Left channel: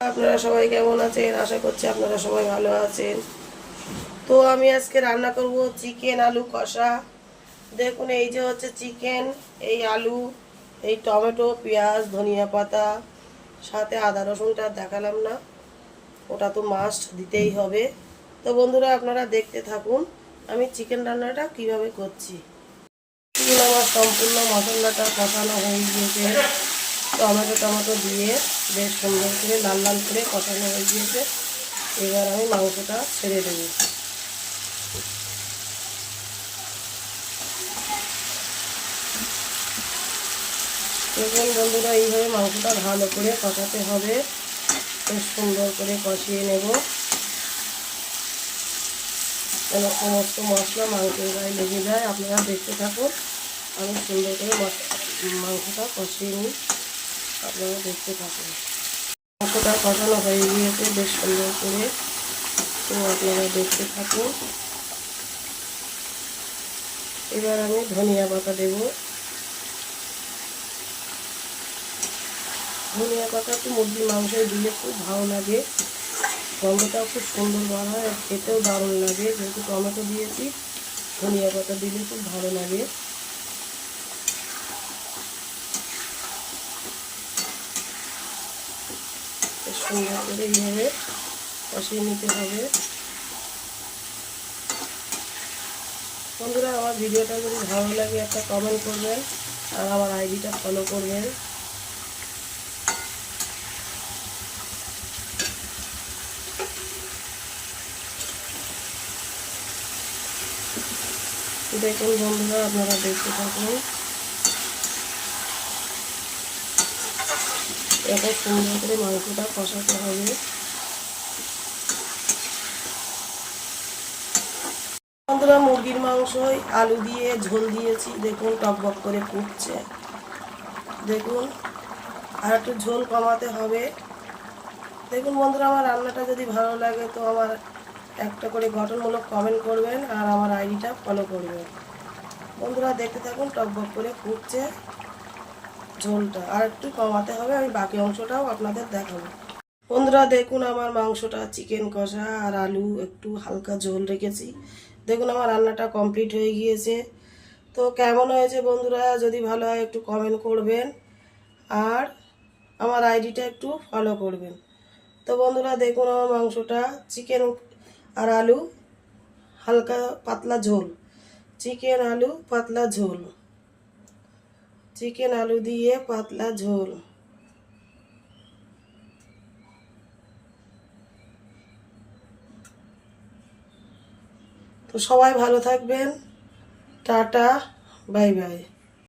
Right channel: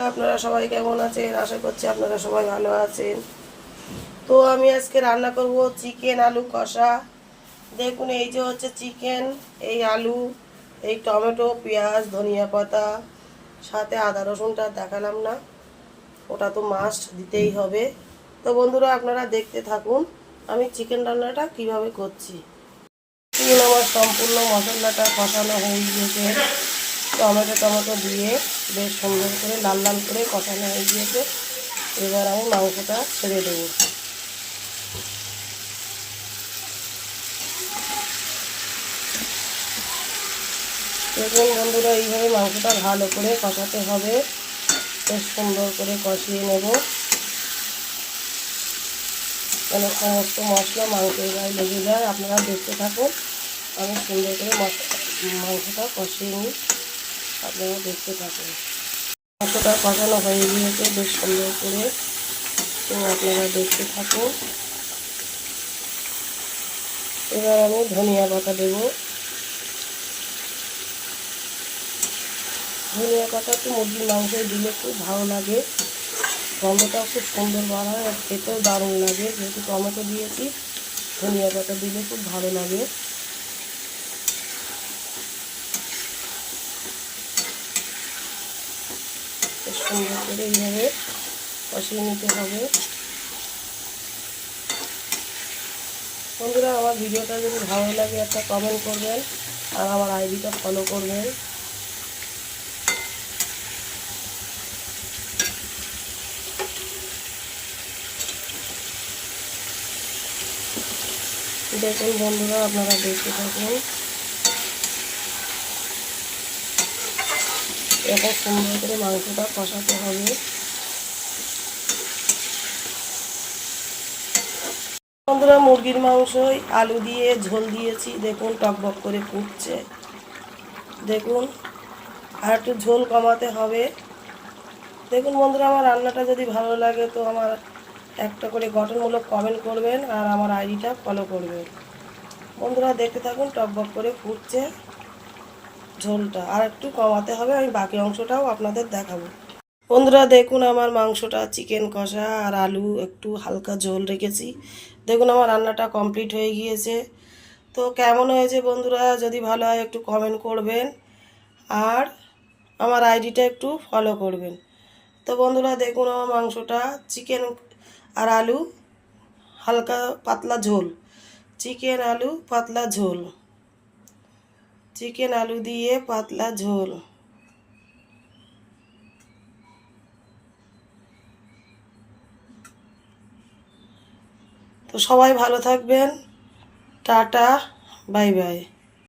আপনারা সবাই কেমন আছেন? আশা করছি আপনারা সবাই ভালো আছেন। তো আমি আজকে রান্না করব চিকেন আলু কষা। দেখুন, এই যে হচ্ছে চিকেন, এই আলু, এই টমেটো, পেঁয়াজ, ধনিয়া পাতা, সাথে আদা রসুনটা দেখালাম না। ওটা তো মাস্ট দিতেই হবে। তো বন্ধুরা, আপনারা দেখতে থাকুন আমি চিকেন রান্নাটা কীভাবে করছি। আমার সম্পূর্ণ মশলাটা কষানো হয়ে গিয়েছে। টমেটো টমেটো দিয়ে বেশ সুন্দর করে লাল লাল করে কষানো হয়ে গিয়েছে। এবার আমি মাংসটা ছেড়ে দেবো। দেখুন বন্ধুরা, এইভাবে মাংসটা ভালো করে কষাতে হবে। বেশ সুন্দর করে কষিয়ে নেব। যেন সমস্ত মশলা মাংসের গায়ে লেগে যায়। আপনারা দেখতে থাকুন। আমি সুন্দর করে মাংসটা কষিয়ে নিই। আপনারা দেখতে থাকুন মাংসটা কষানো হয়ে গিয়েছে বেশ সুন্দর করে। তো আপনারা দেখতে থাকুন এবার আমি ধনিয়া পাতা দেব। ধনিয়া পাতা তো মুরগির মাংসে দিলে খুব ভালো লাগে। গন্ধটাও খুব সুন্দর বার হয় আর খেতেও দারুণ লাগে। যেহেতু টমেটো দিয়েছি, ধনিয়া পাতা দিলে খুব ভালো লাগে। সুন্দর করে এইভাবে কষিয়ে নিতে হবে। বন্ধুরা, আমার ভিডিওটা যদি ভালো লাগে একটা কমেন্ট করবেন আর আমার আইডিটা ফলো করবেন। দেখুন বন্ধুরা, আপনারা দেখতে থাকুন। এত সুন্দর করে মাংসটা কষাতে হবে। বন্ধুরা, মুরগির মাংস, আলু দিয়ে ঝোল দিয়েছি। দেখুন টকবক করে ফুটছে। দেখুন, আর একটু ঝোল কমাতে হবে। দেখুন, বন্ধুরা, আমার রান্নাটা যদি ভালো লাগে, তো আমার একটা করে গঠনমূলক কমেন্ট করবেন আর আমার আইডিটা ফলো করবেন। বন্ধুরা, দেখতে থাকুন টকবক করে ফুটছে। ঝোলটা। আর একটু কমাতে হবে, আমি বাকি অংশটাও আপনাদের দেখাবো। বন্ধুরা, দেখুন আমার মাংসটা, চিকেন কষা আর আলু, একটু হালকা ঝোল রেখেছি। দেখুন আমার রান্নাটা কমপ্লিট হয়ে গিয়েছে। তো কেমন হয়েছে বন্ধুরা? যদি ভালো হয় একটু কমেন্ট করবেন। আর আমার আইডিটা একটু ফলো করবেন। তো বন্ধুরা, দেখুন আমার মাংসটা, চিকেন আর আলু, হালকা পাতলা ঝোল। চিকেন, আলু, পাতলা ঝোল। চিকেন আলু দিয়ে পাতলা ঝোল। তো সবাই ভালো থাকবেন। Tata bye bye.